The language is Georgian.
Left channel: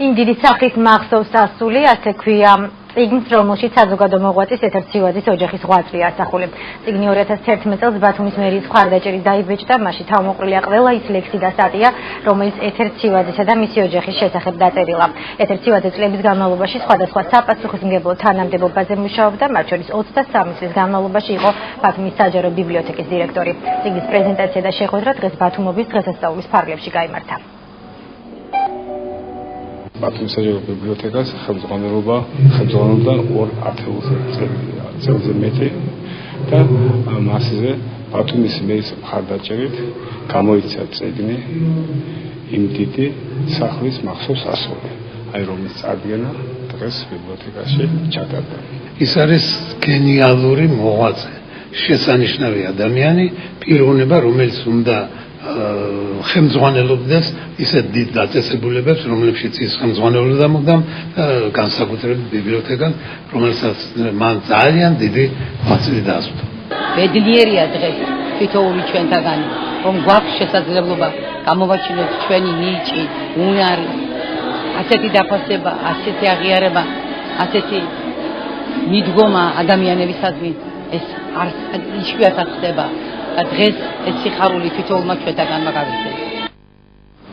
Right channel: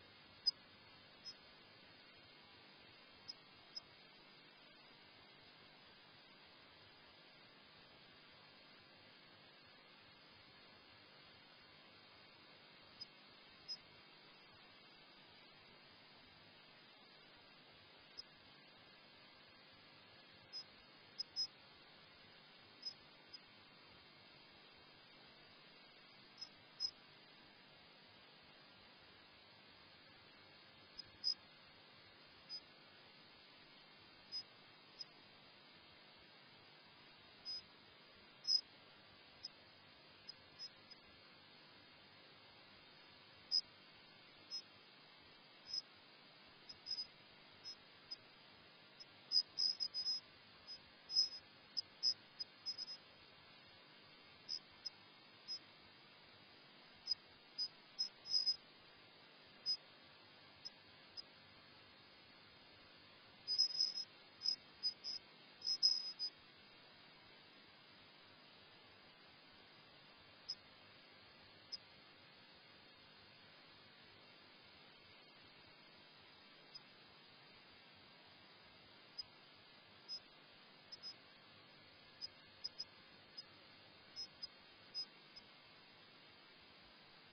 იმ დიდი სახით მახსოვს ასული, ასე ქვია წიგნს, რომელშიც საზოგადო მოღვაწის ეთერ ცივაძის ოჯახის ღვაწლი ასახული. წიგნი 2011 წელს ბათუმის მერიის მხარდაჭერით დაიბეჭდა, მასში თავმოყრილია ყველა ის ლექსი და სტატია, რომელიც ეთერ ცივაძისა და მისი ოჯახის შესახებ დაწერილა. ეთერ ცივაძე წლების განმავლობაში სხვადასხვა საპასუხისმგებლო თანამდებობაზე მუშაობდა, მათ შორის 23 წლის განმავლობაში იყო ბათუმის საჯარო ბიბლიოთეკის დირექტორი. წიგნის პრეზენტაცია და შეხვედრა დღეს ბათუმობის დღესასწაულის ფარგლებში გაიმართა. ბათუმის საჯარო ბიბლიოთეკას ხელმძღვანელობდა 2 წელზე მეტი და მასზე ბათუმის მერის მხარდაჭერით გამოიცა წიგნი იმ დიდი სახლის მახსოვს ასული, რომლის წარდგენა დღეს ბიბლიოთეკაში ჩატარდა. ის არის გენიალური მოღვაწე, შესანიშნავი ადამიანი, პიროვნება, რომელიც უნდა ხელმძღვანელობდეს ისეთ დიდ დაწესებულებებს, რომლებშიც ის ხელმძღვანელობდა მუდამ განსაკუთრებით ბიბლიოთეკას, რომელსაც მან ძალიან დიდი ღვაწლი დაასრულა. ბედნიერია დღეს თითოეული ჩვენთაგანი, რომ გვაქვს შესაძლებლობა გამოვაჩინოთ ჩვენი ნიჭი, უნარი, ასეთი დაფასება, ასეთი აღიარება, ასეთი მიდგომა ადამიანებისადმი ეს არ იშვიათად ხდება. და დღეს ეს სიხარული თითოეულმა ჩვენთაგანმა გავიქცეს.